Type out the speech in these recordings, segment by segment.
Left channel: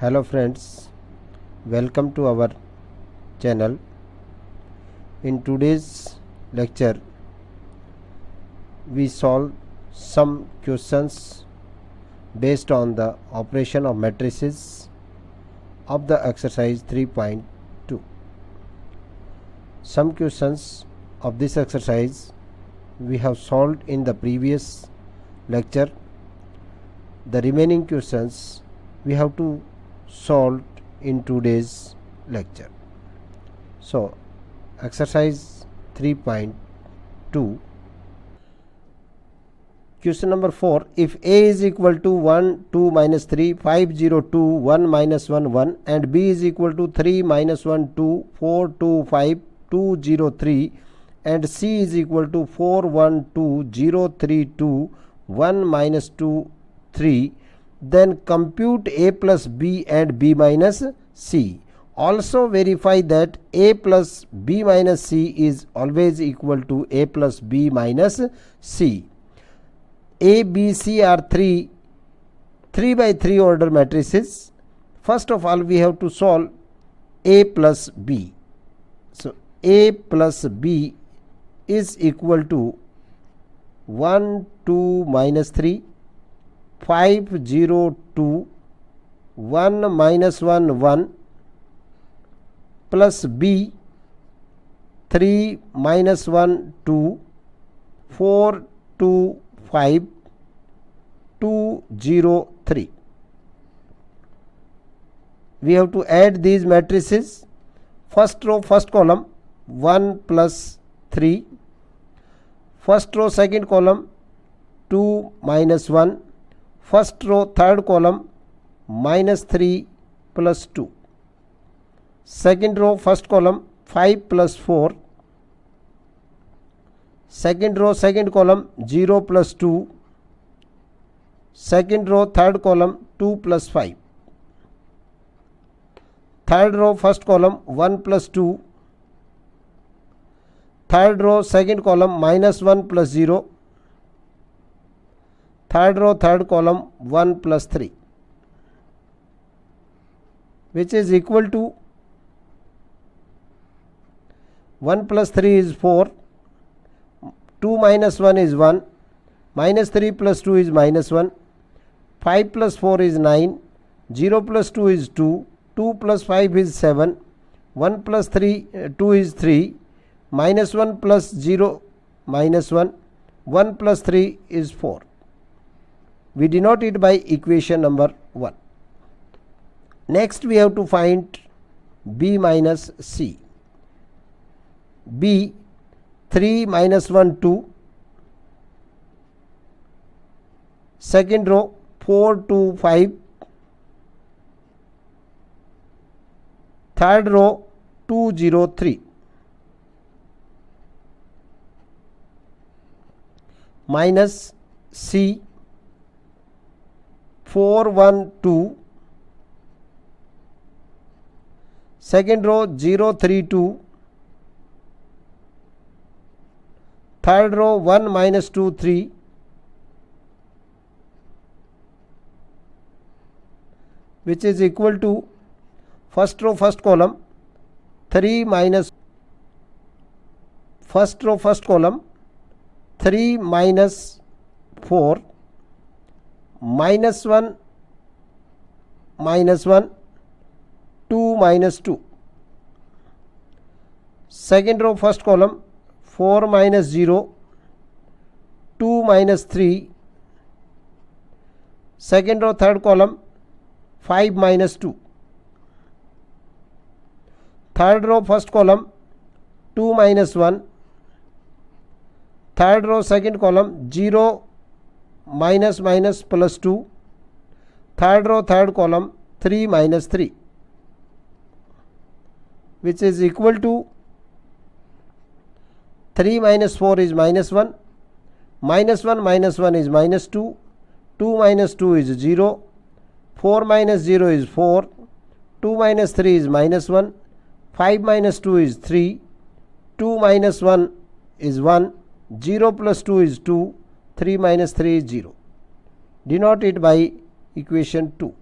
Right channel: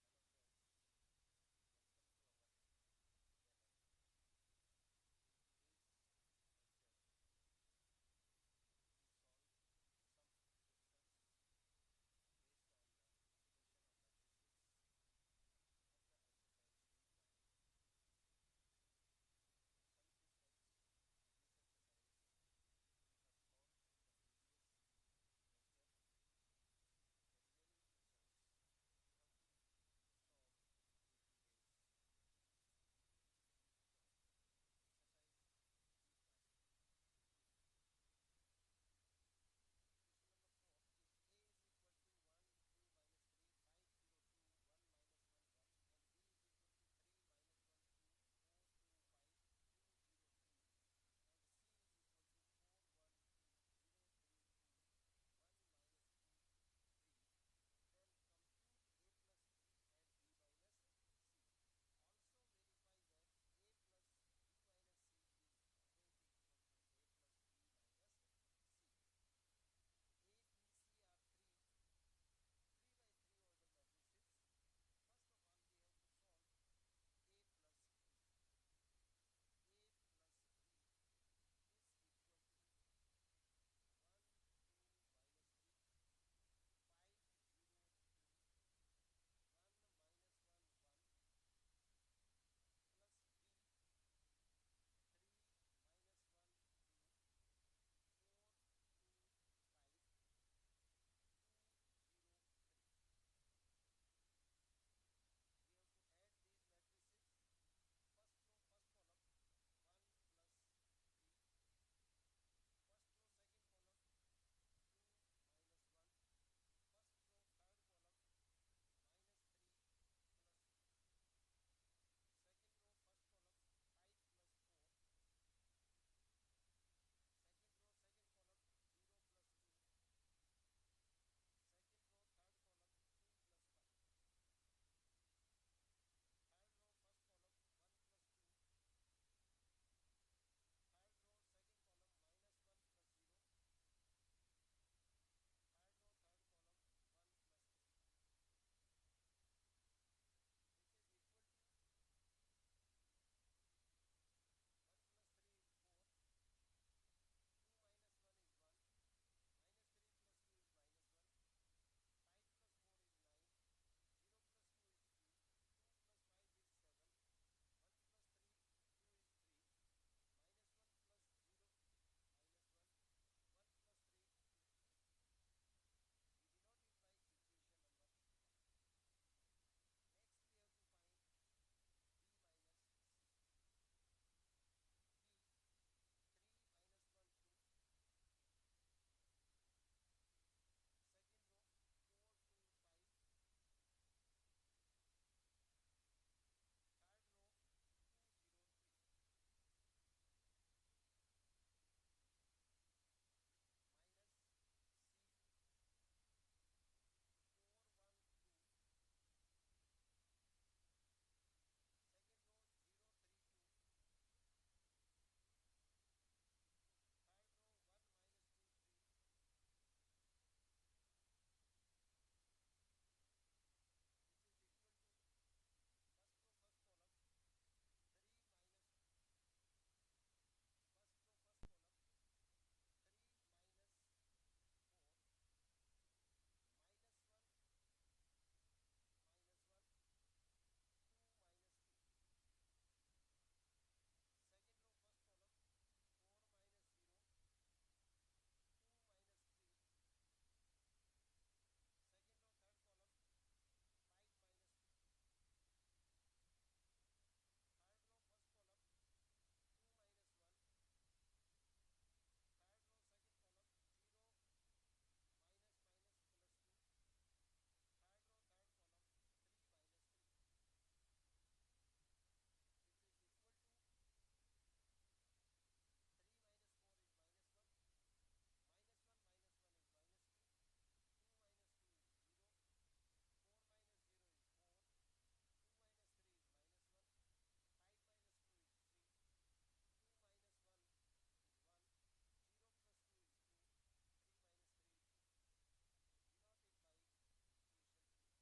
Hello friends, welcome to our channel. In today's lecture we solve some questions based on the operation of matrices of the exercise 3.2. Some questions of this exercise we have solved in the previous lecture. The remaining questions we have to solve in today's lecture. So exercise 3.2, question number 4. If A is equal to 1, 2, minus 3, 5, 0, 2, 1, minus 1, 1 and B is equal to 3, minus 1, 2, 4, 2, 5, 2, 0, 3 and C is equal to 4, 1, 2, 0, 3, 2, 1, minus 2, 3, then compute A plus B and B minus C. Also verify that A plus B minus C is always equal to A plus B minus C. A, B, C are 3 by 3 order matrices. First of all we have to solve A plus B. So A plus B is equal to 1, 2, minus 3, 5, 0, 2, 1, minus 1, 1 plus B 3, minus 1, 2, 4, 2, 5, 2, 0, 3. We have to add these matrices. First row, first column 1 plus 3. First row, second column 2 minus 1. First row, third column minus 3 plus 2. Second row, first column 5 plus 4. Second row, second column 0 plus 2. Second row, third column 2 plus 5. Third row, first column 1 plus 2. Third row, second column minus 1 plus 0. Third row, third column 1 plus 3, which is equal to 1 plus 3 is 4, 2 minus 1 is 1, minus 3 plus 2 is minus 1, 5 plus 4 is 9, 0 plus 2 is 2, 2 plus 5 is 7, 1 plus 2 is 3, minus 1 plus 0 minus 1, 1 plus 3 is 4. We denote it by equation number 1. Next we have to find B minus C. B 3 minus 1 2. Second row 4 2 5. Third row 2 0 3. Minus C 4 1 2. Second row 0 3 2. Third row 1 minus 2 3. Which is equal to first row first column 3 minus first row first column 3 minus 4 minus 1 minus 1 2 minus 2. Second row first column 4 minus 0 2 minus 3. Second row third column 5 minus 2. Third row first column 2 minus 1. Third row second column 0 minus minus plus 2. Third row third column 3 minus 3, which is equal to 3 minus 4 is minus 1, minus 1 minus 1 is minus 2, 2 minus 2 is 0, 4 minus 0 is 4, 2 minus 3 is minus 1, 5 minus 2 is 3, 2 minus 1 is 1, 0 plus 2 is 2, 3 minus 3 is 0. Denote it by equation 2.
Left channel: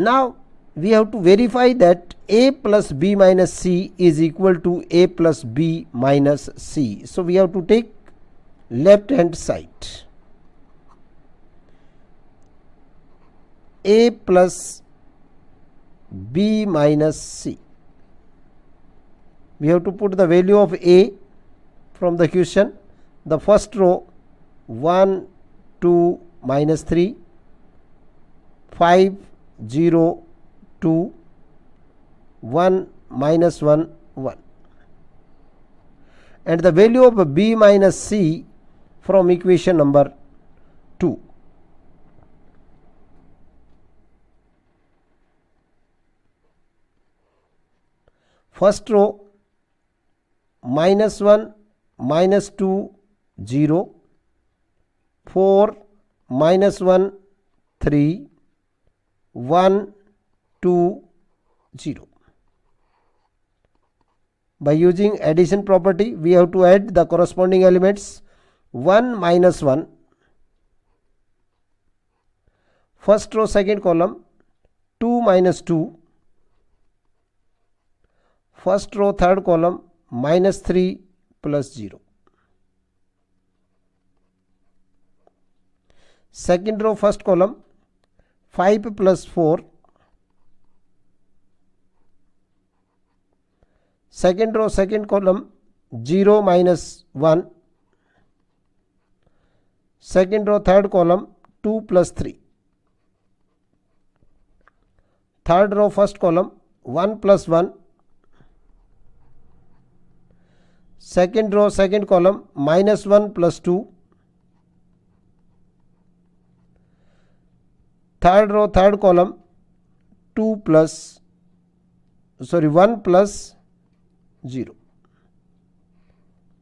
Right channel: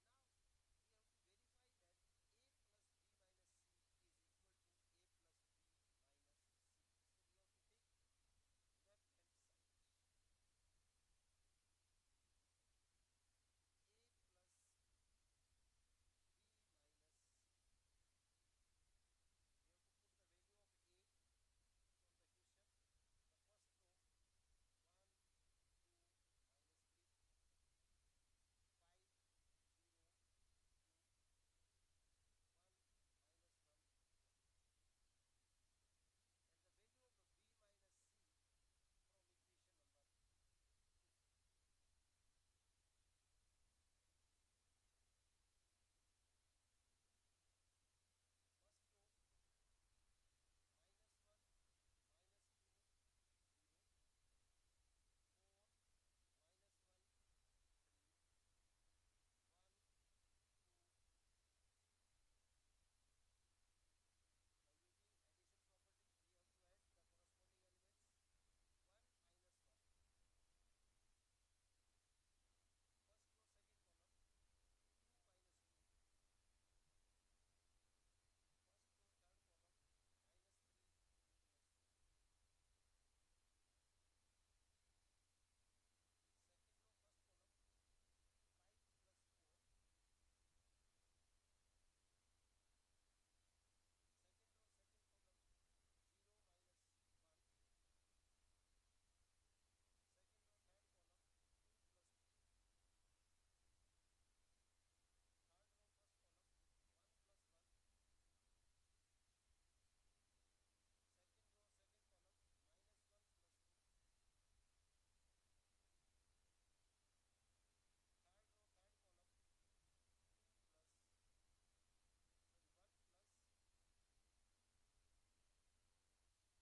Now we have to verify that a plus b minus c is equal to a plus b minus c. So we have to take left hand side. A plus b minus c. We have to put the value of a from the question. The first row 1, 2, minus 3, 5, 0, 2, 1, minus 1, 1. And the value of b minus c from equation number 2. First row minus 1, minus 2, 0, 4, minus 1, 3, 1, 2, 0. By using addition property, we have to add the corresponding elements. 1 minus 1, first row second column, 2 minus 2, first row third column, minus 3 plus 0. Second row first column, 5 plus 4. Second row second column, 0 minus 1. Second row third column, 2 plus 3. Third row first column, 1 plus 1. Second row second column, minus 1 plus 2. Third row third column, 1 plus 0,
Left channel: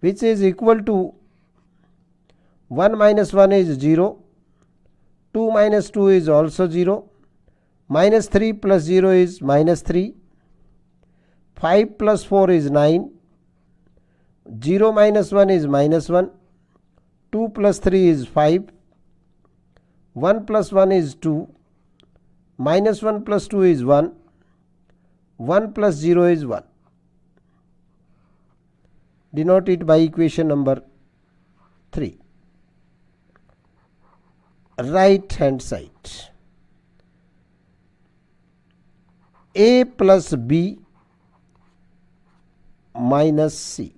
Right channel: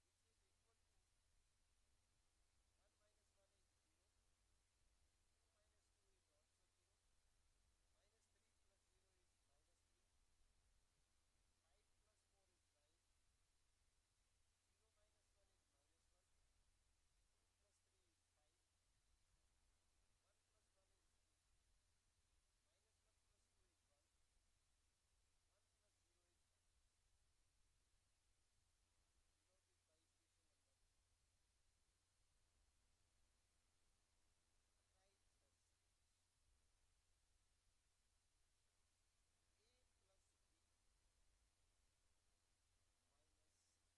which is equal to 1 minus 1 is 0, 2 minus 2 is also 0, minus 3 plus 0 is minus 3, 5 plus 4 is 9, 0 minus 1 is minus 1, 2 plus 3 is 5, 1 plus 1 is 2, minus 1 plus 2 is 1, 1 plus 0 is 1. Denote it by equation number 3. Right hand side. A plus b minus c.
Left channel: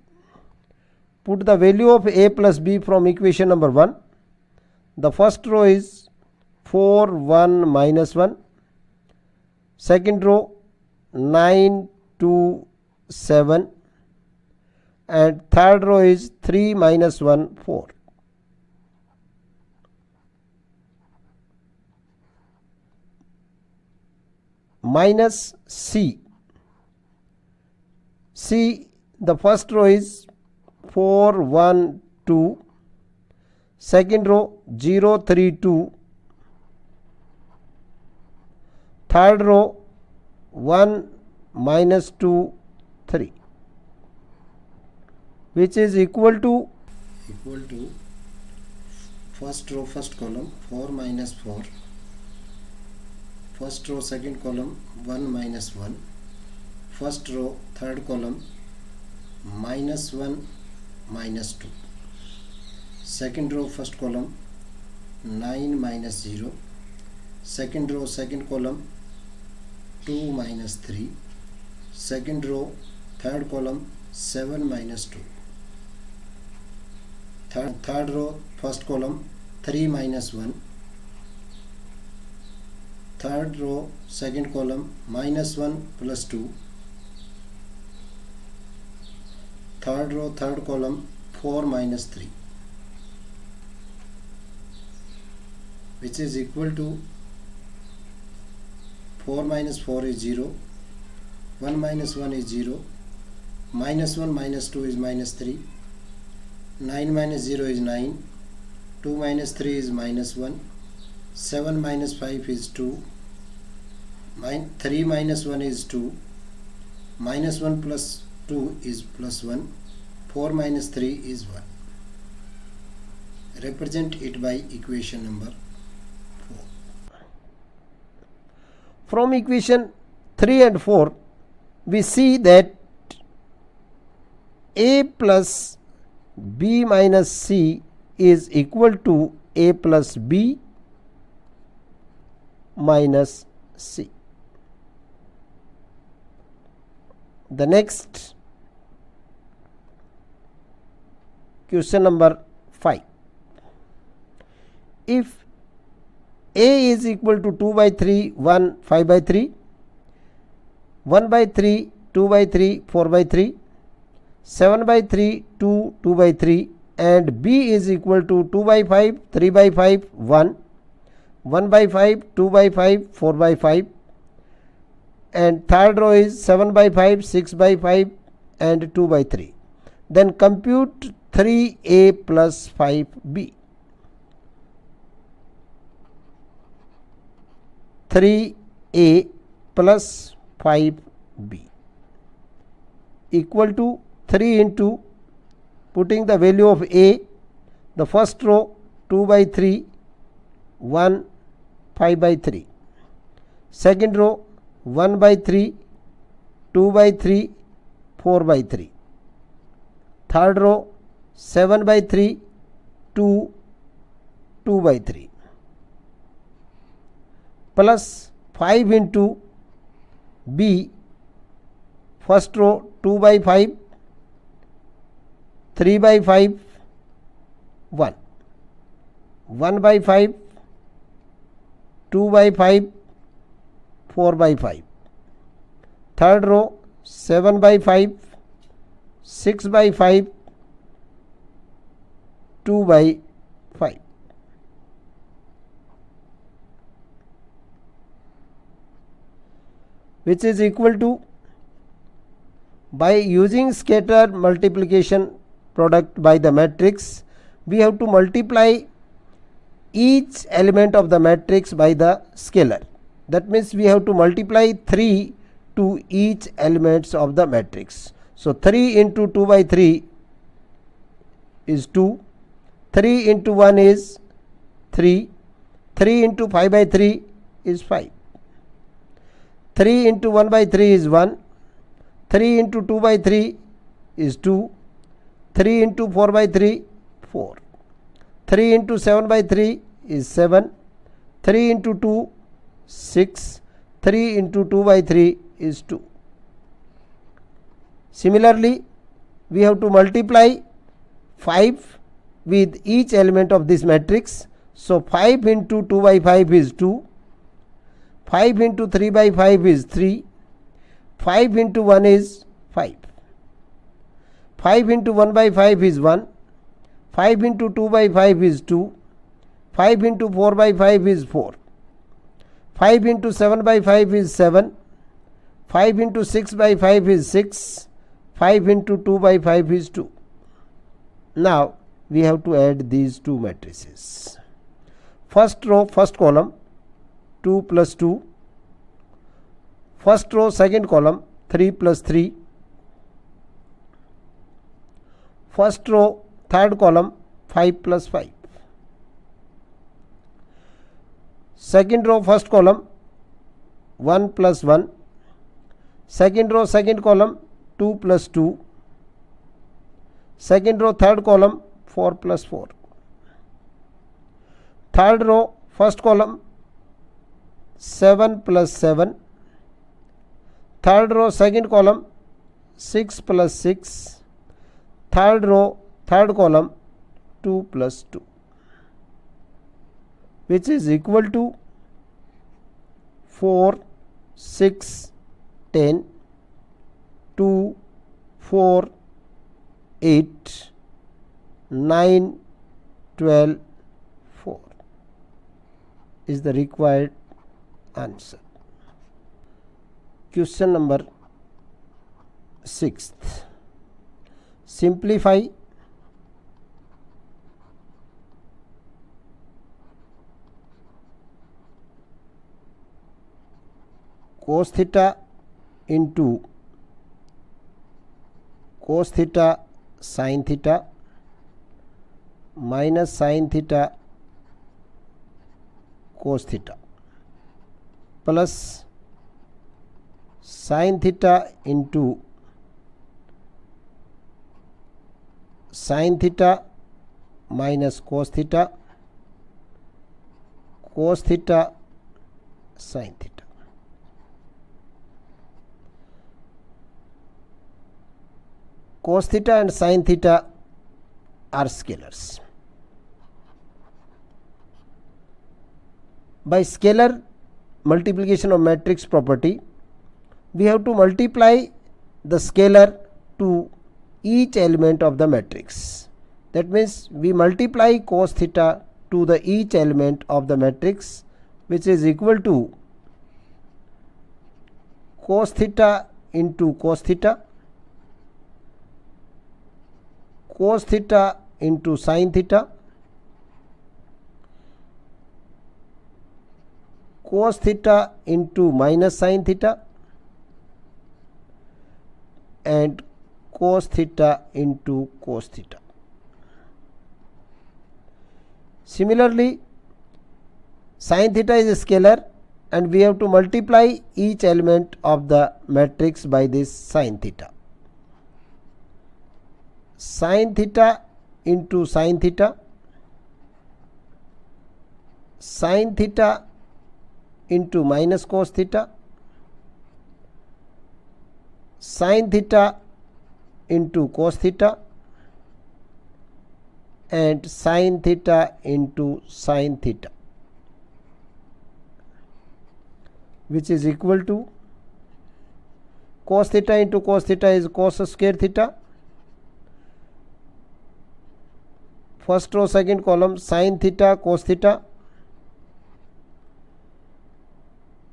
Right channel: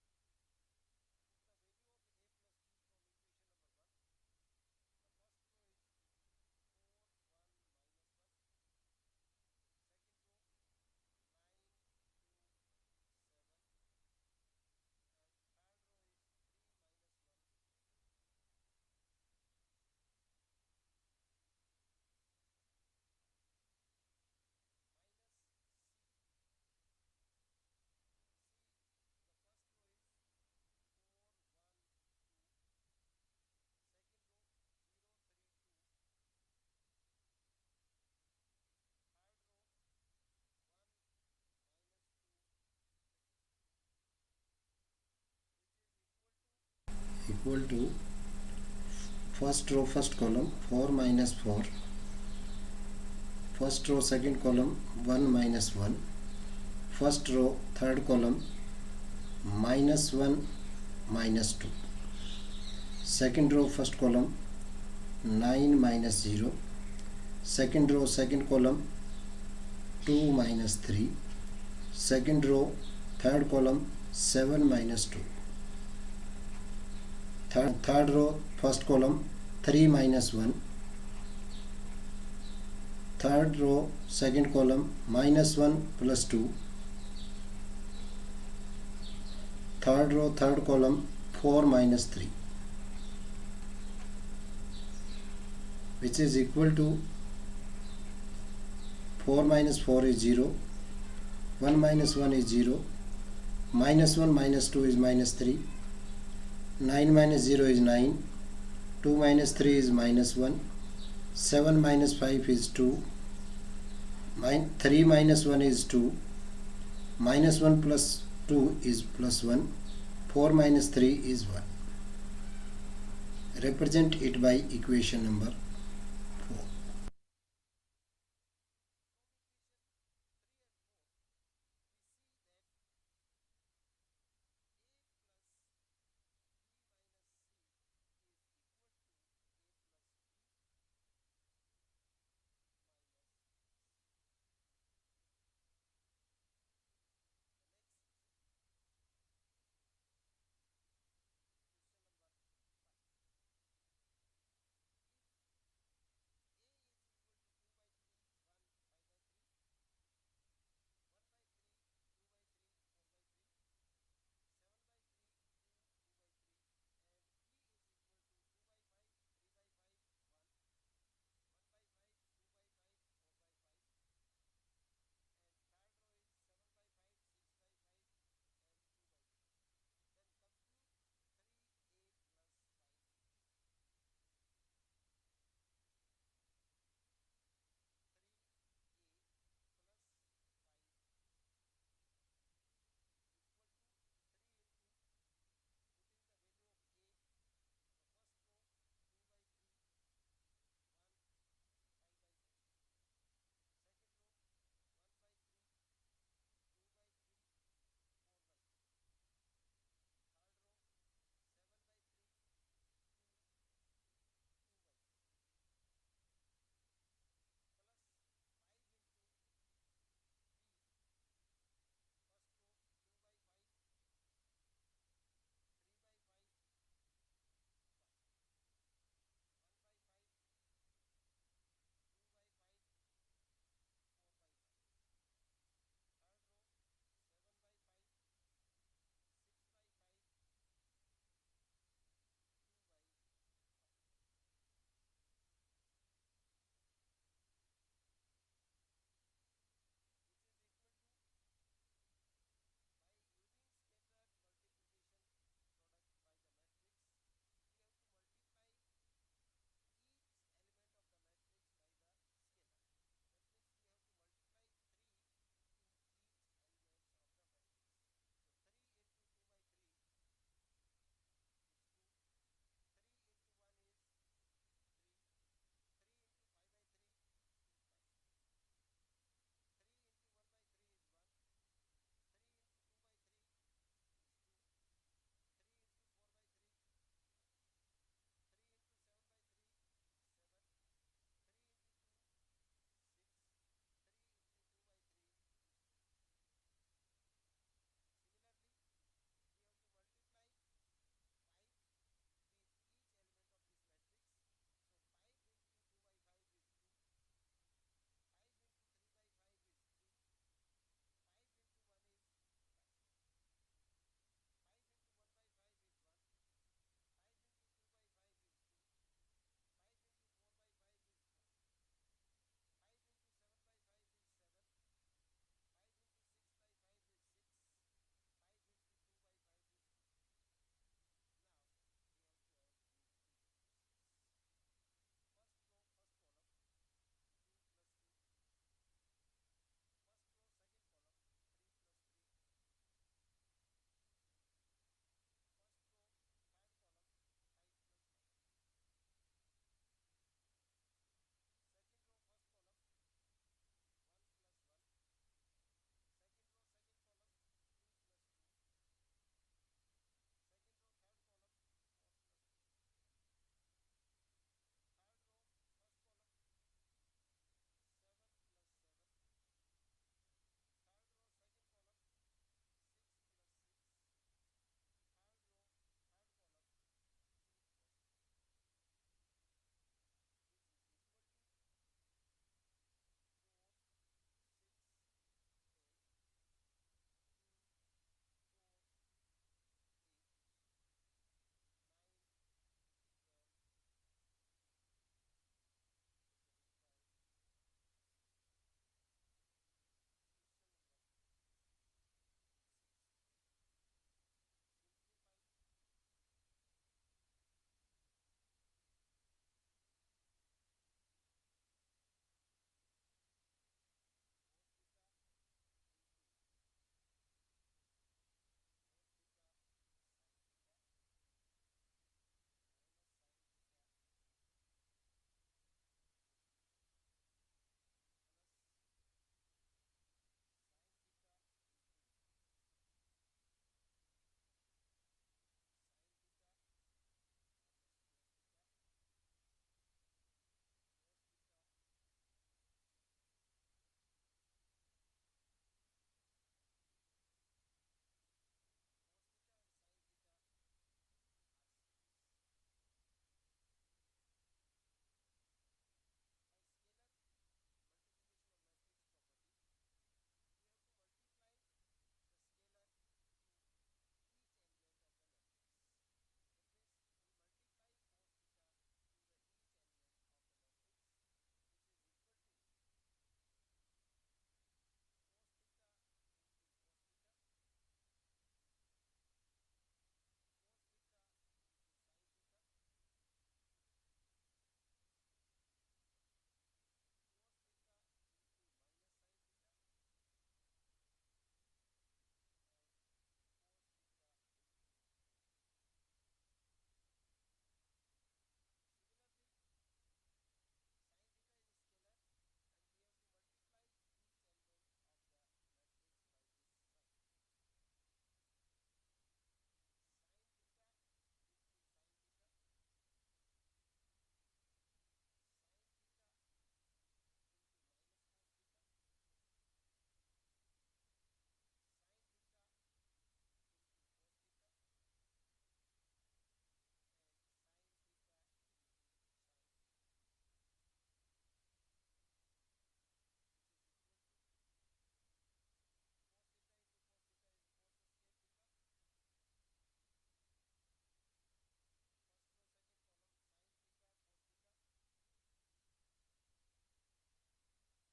Put the value of a plus b from equation number 1. The first row is 4, 1, minus 1. Second row 9, 2, 7. And third row is 3 minus 1, 4. Minus c. C, the first row is 4, 1, 2. Second row 0, 3, 2. Third row 1, minus 2, 3. Which is equal to first row first column 4 minus 4, first row second column 1 minus 1, first row third column minus 1 minus 2, second row first column 9 minus 0, second row second column 2 minus 3, second row third column 7 minus 2, third row first column 3 minus 1, third row second column minus 1 plus 2, third row third column 4 minus 3, which is equal to 4 minus 4 is 0, 1 minus 1 is 0, minus 1 minus 2 is minus 3, 9 minus 0 is 9, 2 minus 3 is minus 1, 7 minus 5 is 2, 3 minus 1 is 2, minus 1 plus 2 is plus 1, 4 minus 3 is 1. Represent it by equation number 4. From equation 3 and 4, we see that a plus b minus c is equal to a plus b minus c. The next question number 5. If a is equal to 2 by 3, 1, 5 by 3, 1 by 3, 2 by 3, 4 by 3, 7 by 3, 2, 2 by 3, and b is equal to 2 by 5, 3 by 5, 1, 1 by 5, 2 by 5, 4 by 5, and third row is 7 by 5, 6 by 5, and 2 by 3. Then compute 3a plus 5b. 3a plus 5b equal to 3 into putting the value of a, the first row 2 by 3, 1, 5 by 3, second row 1 by 3, 2 by 3, 4 by 3, third row 7 by 3, 2, 2 by 3, plus 5 into b, first row 2 by 5, 3 by 5, 1, 1 by 5, 2 by 5, 4 by 5, third row 7 by 5, 6 by 5, 2 by 5. Which is equal to, by using scatter multiplication product by the matrix, we have to multiply each element of the matrix by the scalar. That means we have to multiply 3 to each elements of the matrix. So 3 into 2 by 3 is 2, 3 into 1 is 3, 3 into 5 by 3 is 5, 3 into 1 by 3 is 1, 3 into 2 by 3 is 2, 3 into 4 by 3, 4, 3 into 7 by 3 is 7, 3 into 2, 6, 3 into 2 by 3 is 2. Similarly, we have to multiply 5 with each element of this matrix. So 5 into 2 by 5 is 2, 5 into 3 by 5 is 3, 5 into 1 is 5, 5 into 1 by 5 is 1, 5 into 2 by 5 is 2, 5 into 4 by 5 is 4, 5 into 7 by 5 is 7, 5 into 6 by 5 is 6, 5 into 2 by 5 is 2. Now we have to add these two matrices. First row, first column 2 plus 2, first row, second column 3 plus 3, first row, third column 5 plus 5, second row, first column 1 plus 1, second row, second column 2 plus 2, second row, third column 4 plus 4, third row, first column 7 plus 7, third row, second column 6 plus 6, third row, third column 2 plus 2, which is equal to 4, 6, 10, 2, 4, 8, 9, 12, 4 is the required answer. Question number 6th. Simplify cos theta into cos theta sin theta minus sin theta cos theta plus sin theta into sin theta minus cos theta, cos theta sin theta. Cos theta and sin theta are scalars. By scalar multiplication of matrix property, we have to multiply the scalar to each element of the matrix. That means we multiply cos theta to the each element of the matrix, which is equal to cos theta into cos theta, cos theta into sin theta, cos theta into minus sin theta, and cos theta into cos theta. Similarly, sin theta is a scalar and we have to multiply each element of the matrix by this sin theta. Sin theta into sin theta, sin theta into minus cos theta, sin theta into cos theta, and sin theta into sin theta, which is equal to cos theta into cos theta is cos square theta. First row second column sin theta cos theta,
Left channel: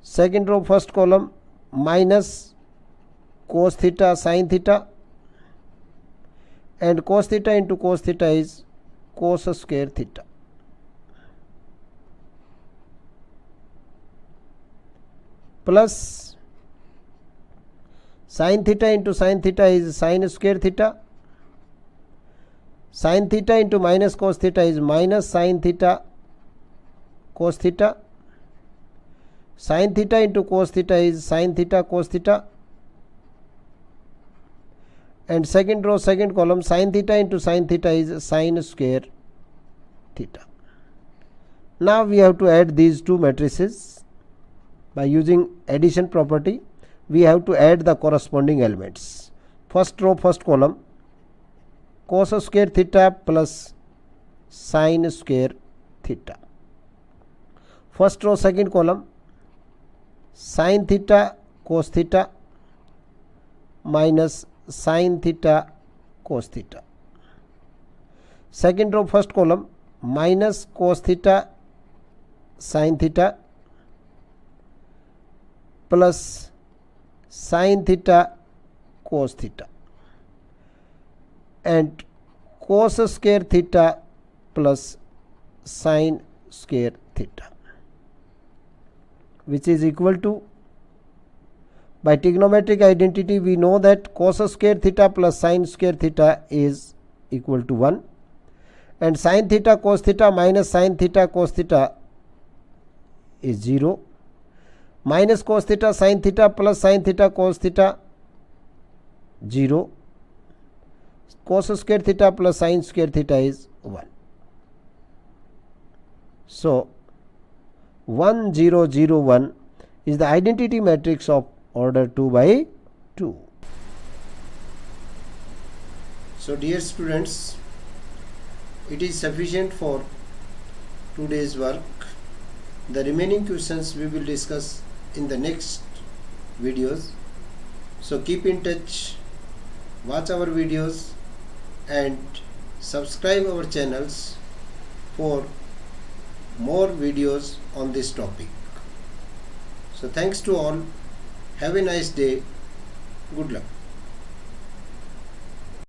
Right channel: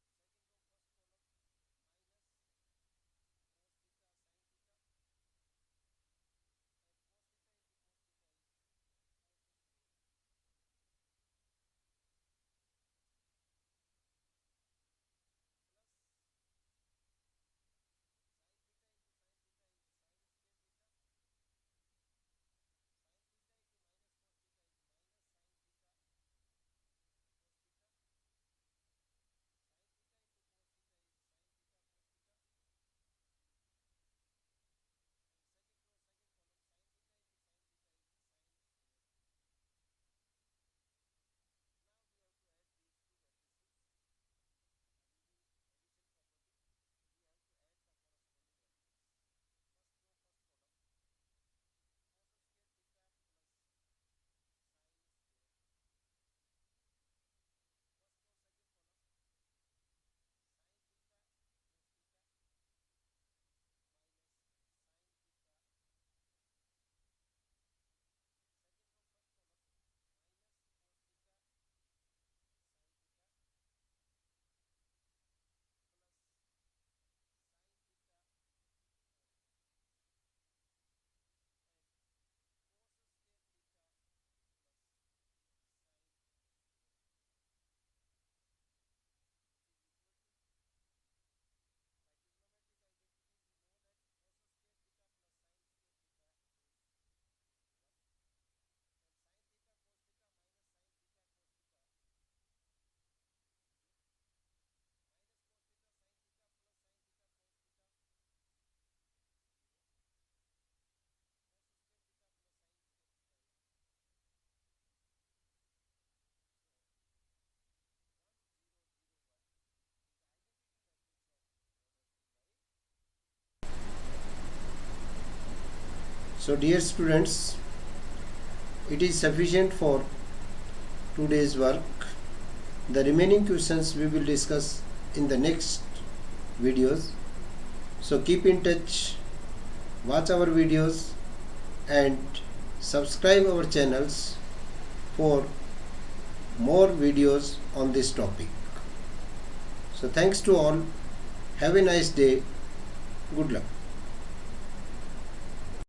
second row first column minus cos theta sin theta, and cos theta into cos theta is cos square theta. Plus sin theta into sin theta is sin square theta, sin theta into minus cos theta is minus sin theta cos theta, sin theta into cos theta is sin theta cos theta, and second row second column sin theta into sin theta is sin square theta. Now we have to add these two matrices. By using addition property, we have to add the corresponding elements. First row first column cos square theta plus sin square theta. First row second column sin theta cos theta minus sin theta cos theta. Second row first column minus cos theta sin theta plus sin theta cos theta, and cos square theta plus sin square theta, which is equal to, by trigonometric identity we know that cos square theta plus sin square theta is equal to 1, and sin theta cos theta minus sin theta cos theta is 0, minus cos theta sin theta plus sin theta cos theta 0, cos square theta plus sin square theta is 1. So 1 0 0 1 is the identity matrix of order 2 by 2. So dear students, it is sufficient for today's work. The remaining questions we will discuss in the next videos. So keep in touch, watch our videos and subscribe our channels for more videos on this topic. So thanks to all. Have a nice day. Good luck.